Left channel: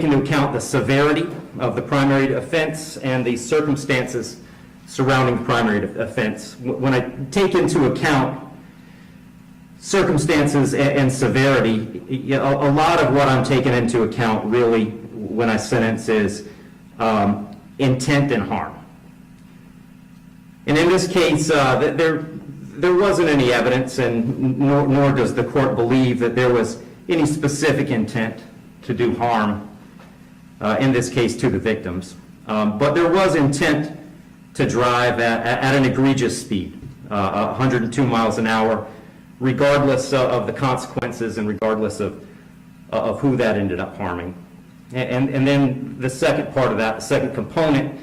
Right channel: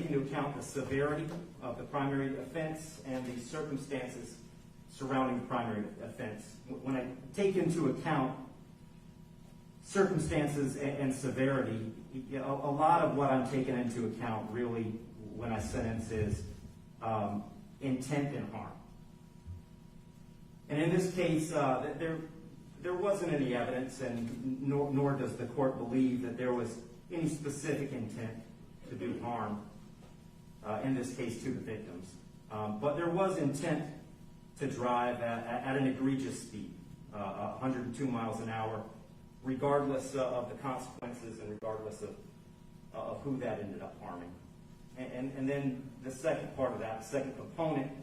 take into account the severity of the primary offense and the circumstances surrounding the primary offense. When I take into account circumstances and severity, a lot of what I'm taking into account really when I sentence is intent and harm. And in this case, there wasn't any evidence, and nor does the court believe that there was any specific intent to do harm, in this case to the victims. But there was intent to drive at an egregious speed, 102 miles an hour, regardless of the consequences and regardless of who that ended up harming. And then the second part of that, the second component,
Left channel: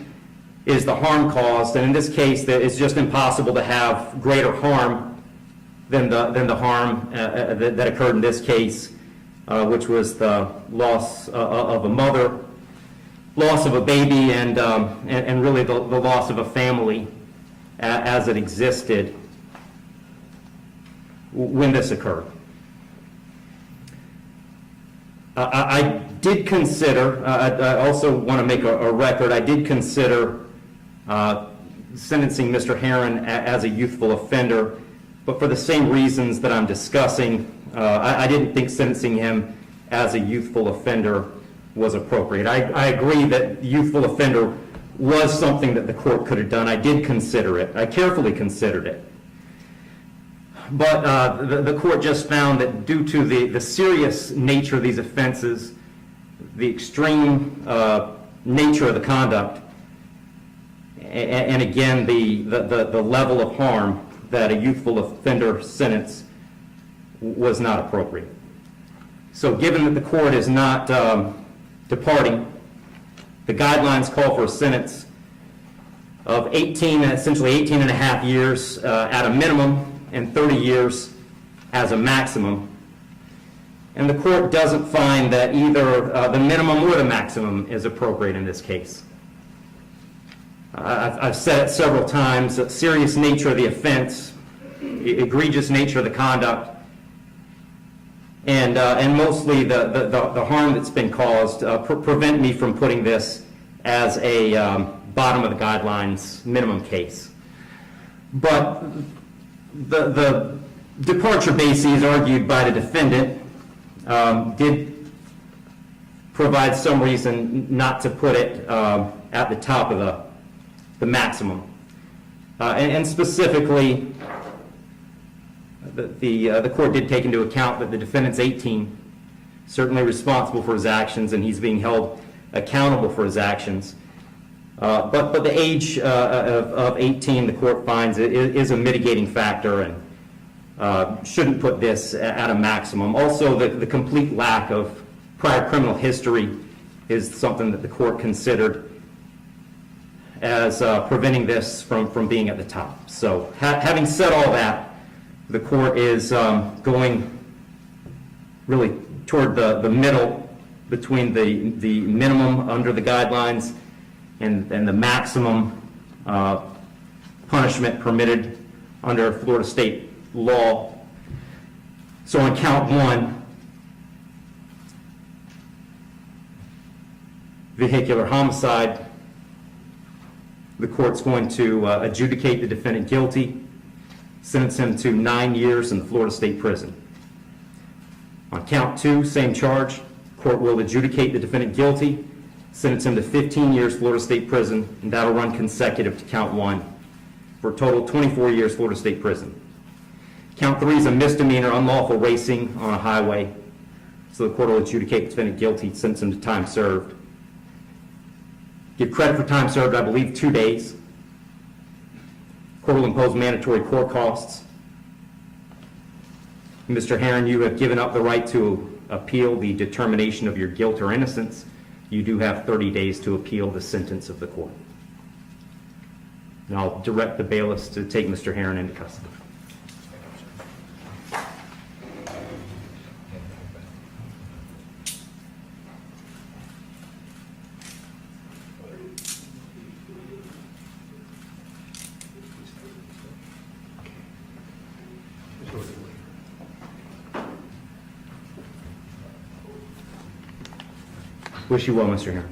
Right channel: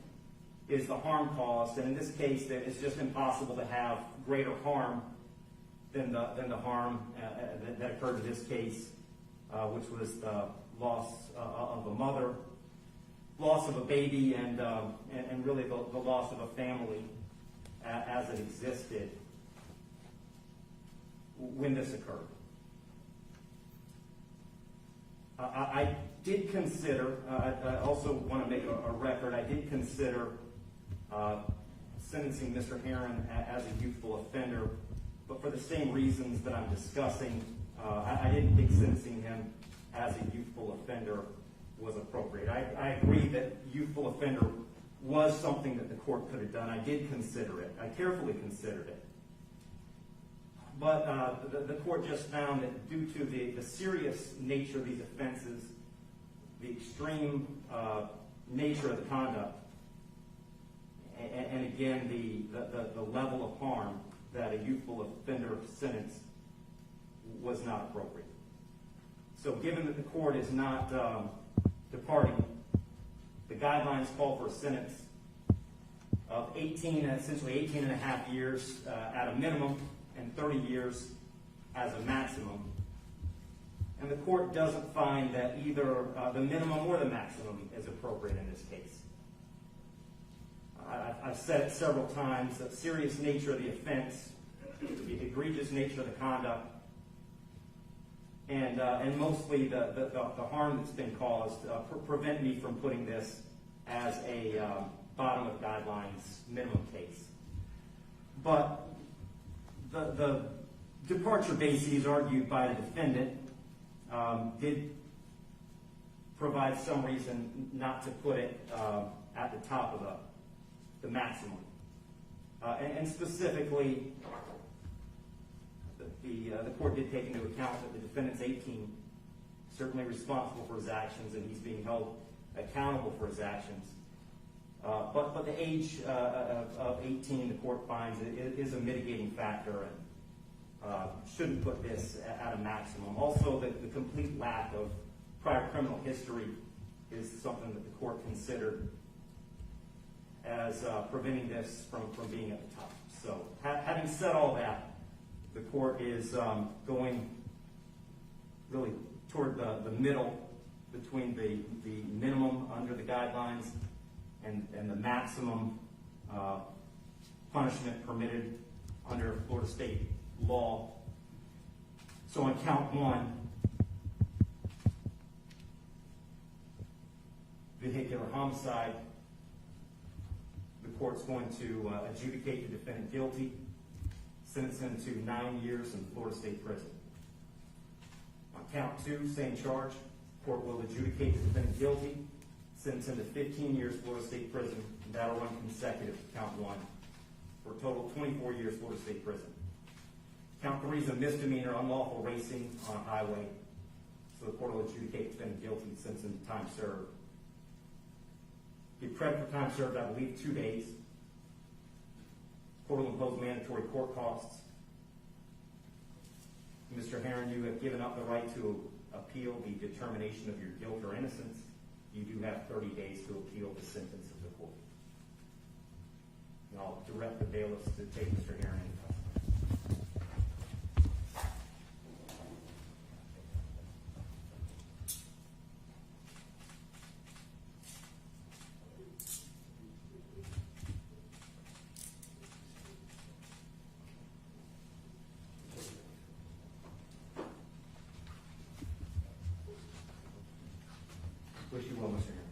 is the harm caused. And in this case, it's just impossible to have greater harm than the harm that occurred in this case, which was the loss of a mother, loss of a baby, and really the loss of a family as it existed when this occurred. I did consider, I also want to make a record, I did consider sentencing Mr. Heron as a youthful offender, but for the same reasons that I'm discussing, I didn't think sentencing him as a youthful offender was appropriate. I agree that youthful offender was something that the court could have done. I did consider it. I carefully considered it. But the court just found that due to the serious nature of these offenses, the extreme nature of the conduct, and again, the level of harm, that a youthful offender sentence was not appropriate. So given that the court is not departing, the guidelines call for a sentence of essentially 18 and a half years at a minimum and 30 years as a maximum. And the court doesn't find that either the minimum or the maximum is appropriate in this case. I've said it several times, the serious nature of the offense, egregious nature of the conduct, and mostly the harm that's been caused prevent me from putting this as a bottom of the guidelines minimum case. But the departure bases argued by the defendant did provide some reason not to put it at the top of the maximum. And specifically, the court did take into account that the defendant's 18, certainly responsible for his actions, and he's being held accountable for his actions. But the age of 18, the court finds, is a mitigating factor and shouldn't put this at a maximum. Also, the complete lack of prior criminal history is something that the court considered as preventing this from being at the top. So having said all that, the court is going really toward the middle between the minimum under the guidelines and the maximum punishment permitted under Florida state law. So on count one, vehicular homicide, the court's going to adjudicate the defendant guilty, sentence him to 9 years in the Florida State Prison. On count two, same charge, court will adjudicate the defendant guilty, sentence him to 15 years Florida State Prison, and that'll run consecutive to count one, for a total of 24 years Florida State Prison. Count three is a misdemeanor, unlawful racing on a highway, so the court will adjudicate the defendant guilty, sentence him to time served. Give credit for time served, I believe, 2 days. Court will impose mandatory court costs. Mr. Heron, you have given up the right to appeal the determination of your guilt or innocence. You do have 30 days to appeal the sentence of the court. And I'll direct the bailiffs to take Mr. Heron into custody. Wish you well, Mr. Heron.